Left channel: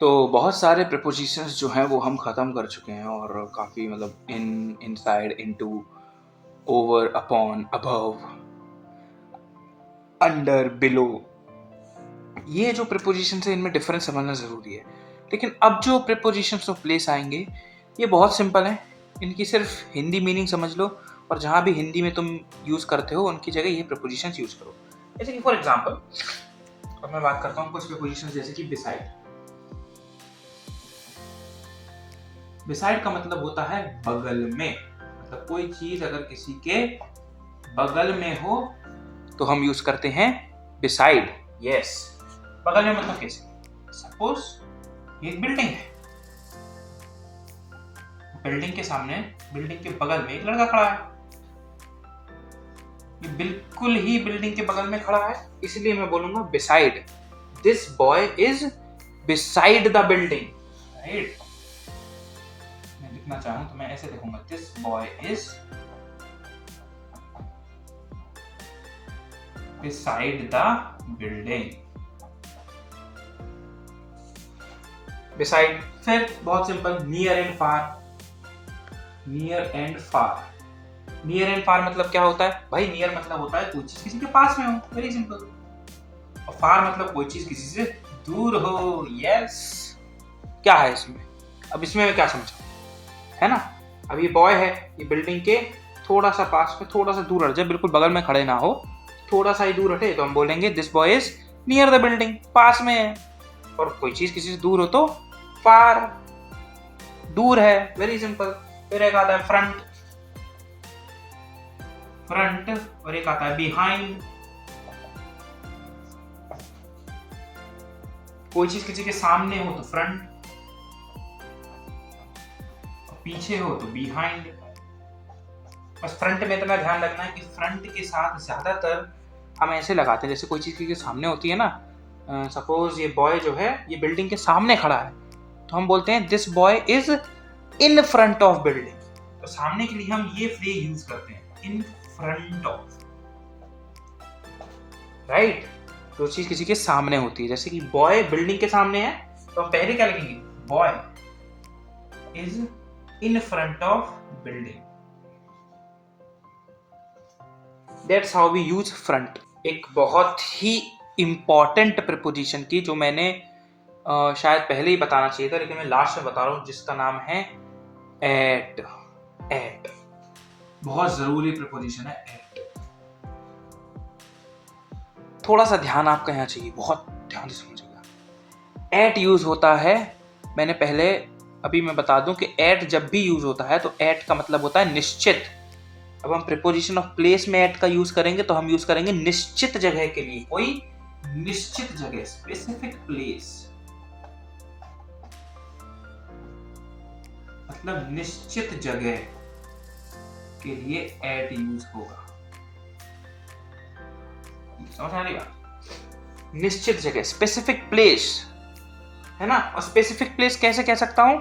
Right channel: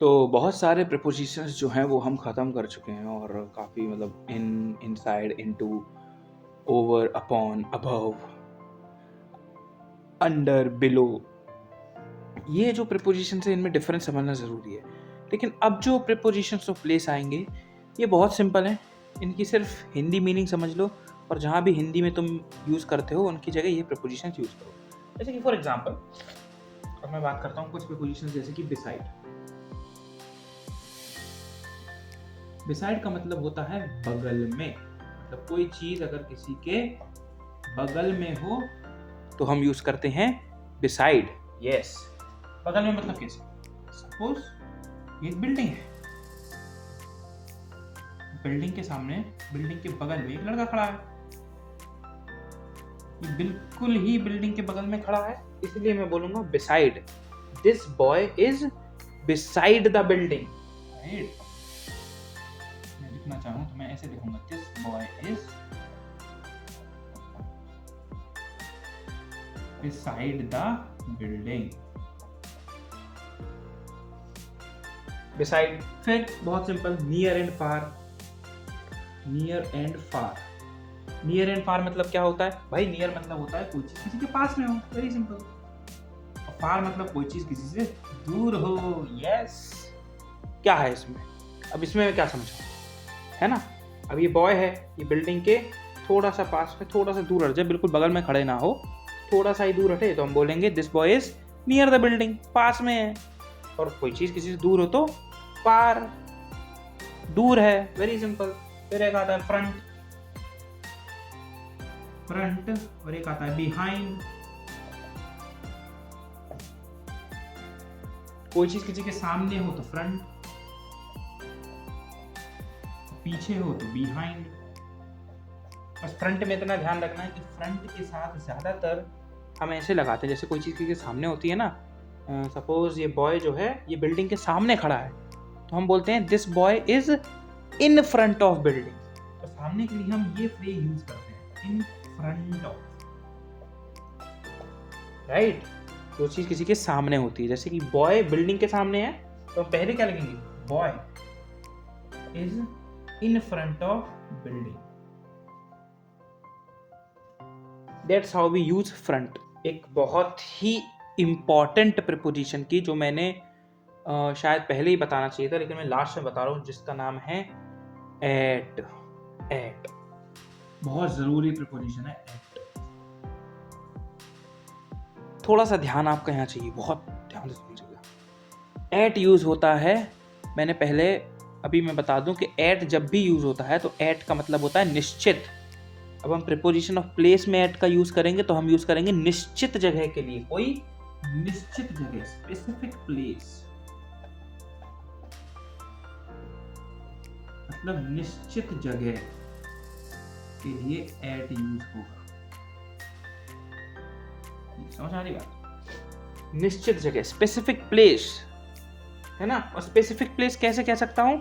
तो बहुत सारे प्रीपोज़िशंस जो हैं वो हम ख़त्म कर चुके हैं और काफ़ी मतलब inside, into, over, upon, above, under, below, ये जो प्रीपोज़िशंस हैं इनमें डिफ़रेंस समझना ज़रूरी है। लेकिन अब जो प्रीपोज़िशंस ऑफ प्लेस आएँगे ये बहुत सिंपल हैं। इनकी सिर्फ़ हिंदी मीनिंग समझ लो और जहाँ भी हिंदी में तुम यूज़ करते हो उनकी जगह ये प्रीपोज़िशंस यूज़ करो। जैसे कि फॉर एग्ज़ाम्पल अब मैं बात करता हूँ कुछ प्रीपोज़िशंस जैसे कि बिसाइड। बिसाइड का मतलब होता है बगल में। मतलब कोई चीज अगर किसी के बगल में हो तो हम यूज करते हैं बिसाइड। यस, बगल में मतलब कैसे? सपोज ये एक बिल्डिंग है, बिल्डिंग के सामने, बिल्डिंग के बगल में एक लड़का खड़ा है। ये बिल्कुल ही बिल्डिंग के बगल में खड़ा है, इसलिए मैं बोलूंगा beside. This boy is beside the building, right? मैं लिखना चाहूं तो मैं ऐसे लिखूंगा, this boy is beside the building। beside, फिर बहुत simple, near and far. Near and far, near and far मतलब क्या होता है भाई? नियर मतलब होता है कोई चीज किसी के पास में हो, वेरी सिंपल। और फार मतलब कोई चीज किसी से दूर हो। यस, क्या है इसमें? अब इसमें मैं क्या समझा, है ना? अब ये बॉय है, ये बिल्डिंग के थोड़ा सा पास में, थोड़ा सा दूर हट जाए, बिल्कुल बगल में खड़े ना हो, थोड़ा सा ही दूर हटे तो हम बोलेंगे this boy is near the building, पास में है। और कोई चीज किसी से दूर हो तो फार, दूर है, वेरी सिंपल। फिर एक आता है फ्रंट, फ्रंट, और एक आता है बिहाइंड। कोई चीज किसी के सामने हो तो फ्रंट, पीछे हो तो बिहाइंड। बस फ्रंट में इतना ध्यान रखना है कि फ्रंट के साथ ज्यादातर हम ऐसे लगाते हैं जैसे कोई चीज के सामने होती है ना। सपोज ये बॉय जो है ये बिल्डिंग के सामने खड़ा है तो हम बोलते हैं this boy is in front of building. तो सामने के लिए हम ये फ्रेज यूज करते हैं, इन फ्रंट ऑफ, राइट? जो चीज किसी के सामने होती है, जैसे कि बॉय बिल्डिंग के सामने है तो हम पहले क्या लिखेंगे? Boy is in front of building. That's how we use front. एक बहुत ही इंपॉर्टेंट प्रीपोजिशन की जो मैंने शायद पहले ही बताना चाहिए था लेकिन मैं लास्ट में बता रहा हूं, जिसका नाम है एट। एट बहुत जरूरी प्रीपोजिशन है, एट। थोड़ा सा ध्यान आपका यहाँ चाहिए, बहुत ध्यान से समझिएगा। एट यूज होता है, मैंने पहले, अभी मैं बता दूं कि एट जब भी यूज होता है तो एट का मतलब होता है निश्चित। अब हम प्रीपोजिशन ऑफ प्लेस में एट का यूज करेंगे तो हम यूज करेंगे निश्चित जगह के लिए, कोई निश्चित जगह, स्पेसिफिक प्लेस, मतलब निश्चित जगह के लिए एट यूज होगा। समझ आ रही बात? निश्चित जगह, स्पेसिफिक प्लेस, है ना? और स्पेसिफिक प्लेस कैसे कह सकता हूं?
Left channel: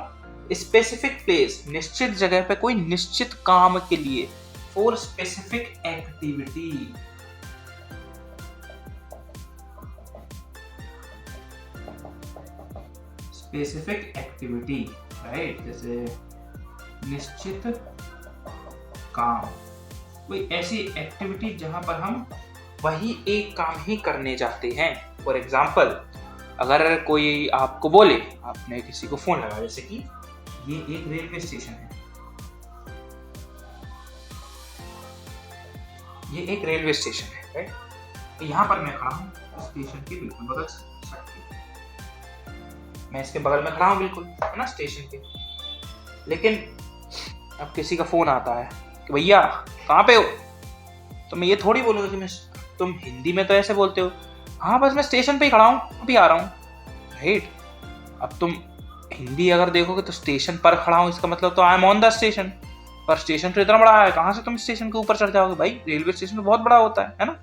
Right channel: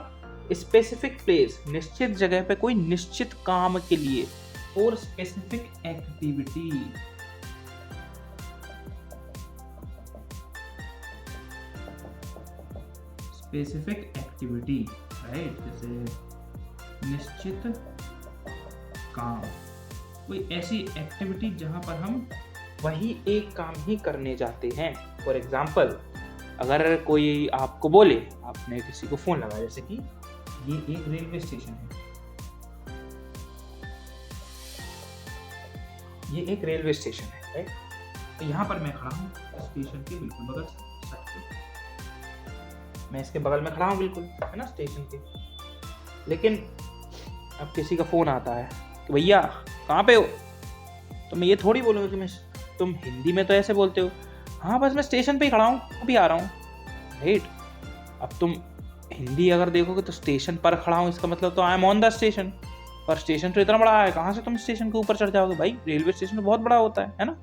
स्पेसिफिक प्लेस, निश्चित जगह पे कोई निश्चित काम के लिए, for specific activity. Specific activity, right? जैसे निश्चित काम, कोई ऐसी एक्टिविटी जहां पर हम वही एक काम ही करने जाते हैं। फॉर एग्जाम्पल, अगर कोई आपको बोले, आपने किसी को फोन लगा, जैसे कि ये एक रेलवे स्टेशन है, ये एक रेलवे स्टेशन है, राइट? तो यहाँ पर मैं खड़ा हूँ स्टेशन के बिल्कुल बगल से, मैं इसके बगल में खड़ा हूँ बिल्कुल, है ना, स्टेशन के। लेकिन अब किसी का फोन आता है कि भैया कहाँ पे हो, तो मैं ये थोड़ी बोलूँगा कि मैं, तुम हिंदी में तो ऐसे बोलते हो, हाँ बस मैं स्टेशन पे ही खड़ा हूँ, अभी आ रहा हूँ, राइट? अब तुम हिंदी अगर देखोगे तो स्टेशन पर खड़ा हूँ इसका मतलब तो I am on the station, पर स्टेशन तो इतना बड़ा है, कहाँ से तुम स्टेशन के ऊपर चढ़ जाओगे भाई? रेलवे स्टेशन तो बहुत बड़ा होता है ना?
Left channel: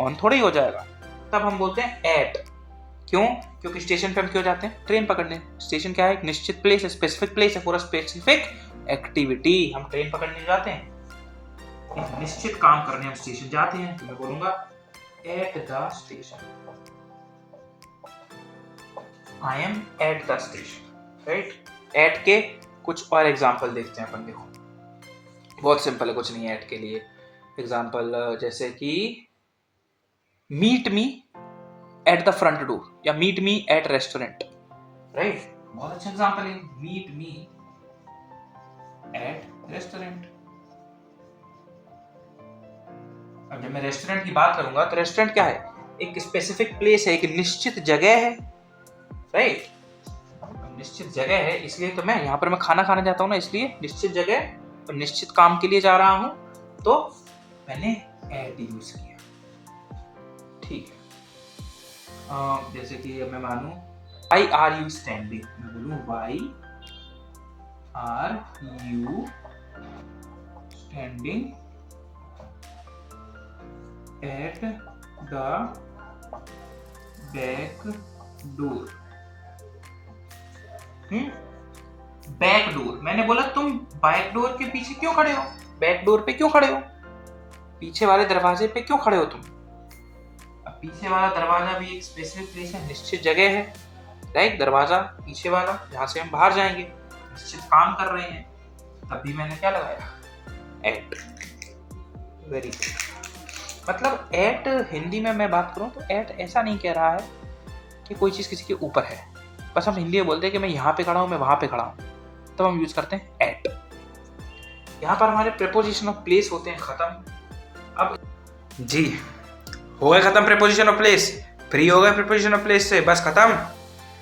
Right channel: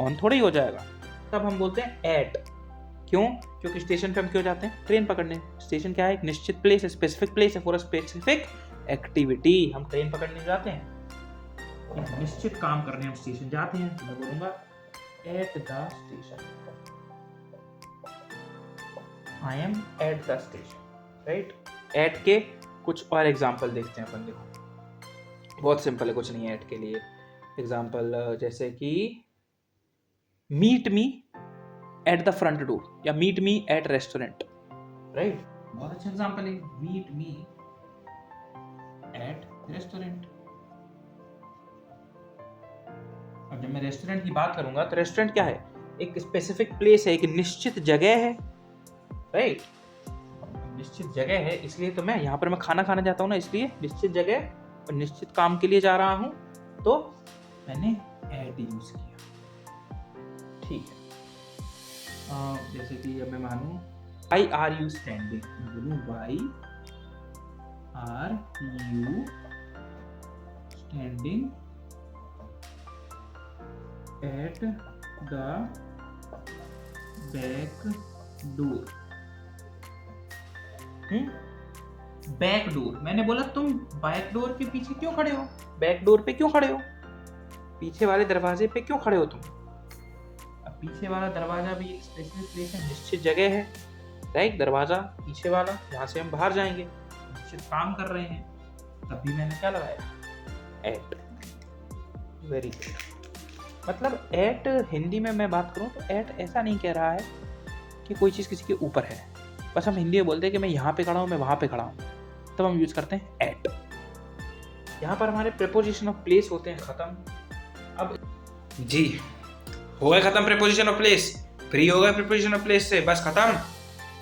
ऑन थोड़ा ही हो जाएगा। तब हम बोलते हैं एट। क्यों? क्योंकि स्टेशन पे हम क्यों जाते हैं? ट्रेन पकड़ने। स्टेशन क्या है? एक निश्चित प्लेस है, स्पेसिफिक प्लेस है फॉर अ स्पेसिफिक एक्टिविटी। हम ट्रेन पकड़ने जाते हैं, एक निश्चित काम करने हम स्टेशन जाते हैं, तो मैं बोलूंगा at the station. I am at the station, right. At के कुछ और एग्जाम्पल देखते हैं अपन। देखो बहुत सिंपल है, कुछ नहीं है एट के लिए एग्जाम्पल, जैसे कि meet me at the front door या meet me at restaurant, right. बहुत अच्छा एग्जाम्पल है, मीट मी एट रेस्टोरेंट। अब जब मैं रेस्टोरेंट की बात करूंगा तो रेस्टोरेंट क्या है, एक स्पेसिफिक प्लेस है, एक निश्चित जगह है, राइट। निश्चित जगह है, इसलिए तो मैं यहाँ पर मैं खाना खाने जाता हूँ ना, इसलिए निश्चित जगह और निश्चित काम के लिए जा रहा हूँ, तो मैंने एट यूज किया, ठीक है। जैसे कि मैं मानूं वाई आर यू स्टैंडिंग, मैं बोलूं why are you standing at the back door. Back door, मैंने बोला तुम बैक डोर के पीछे क्यों खड़े हो, बैक डोर पे क्यों खड़े हो, पीछे वाले दरवाजे पे क्यों खड़े हो तुम। अब पीछे वाला दरवाजा भी एक स्पेसिफिक प्लेस है, निश्चित जगह है, राइट। दरवाजा पीछे वाला जहाँ से हम बाहर जाएंगे, निश्चित काम कर रहे हैं, तभी मैंने क्या लगाया, एट। वेरी मतलब एट हिंदी में मैं बात करूं तो एट ऐसा नहीं कह रहा है कि कोई चीज़ किसी के ऊपर है, बस हम हिंदी में बोलते हैं कि मैं यहाँ पे खड़ा हूँ, मैं वहाँ पे खड़ा हूँ, तो हम यूज करते हैं एट। यहाँ पर हमारे प्रेपोजिशन ऑफ प्लेस होते हैं खत्म। अब जी हो गए खत्म प्रेपोजिशन ऑफ प्लेस, फ्री हो गए प्रेपोजिशन ऑफ प्लेस से, बस खत्म।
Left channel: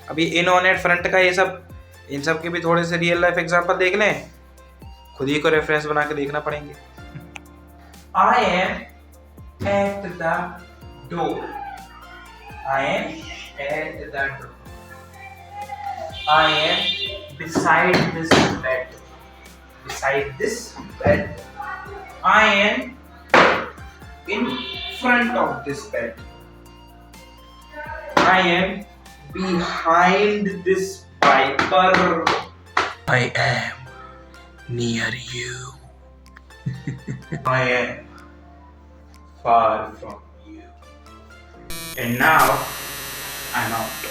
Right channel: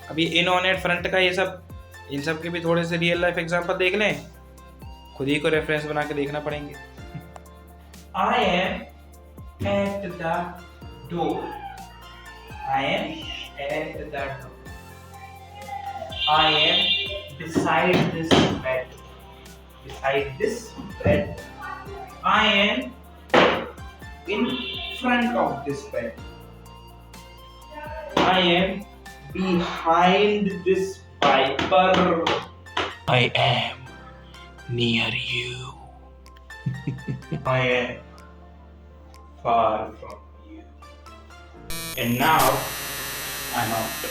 अब ये इन, ऑन, एट, फ्रंट का ये सब, इन सब के भी थोड़े से रियल लाइफ एग्जांपल देख लें, खुद ही को रेफरेंस बना के देखना पड़ेंगे। आई am at the door, I am at the door, I am beside this bed. Beside this bed. I am in front of this bed. I am behind this Piper. I am near you. I am far from you. And now I'm out.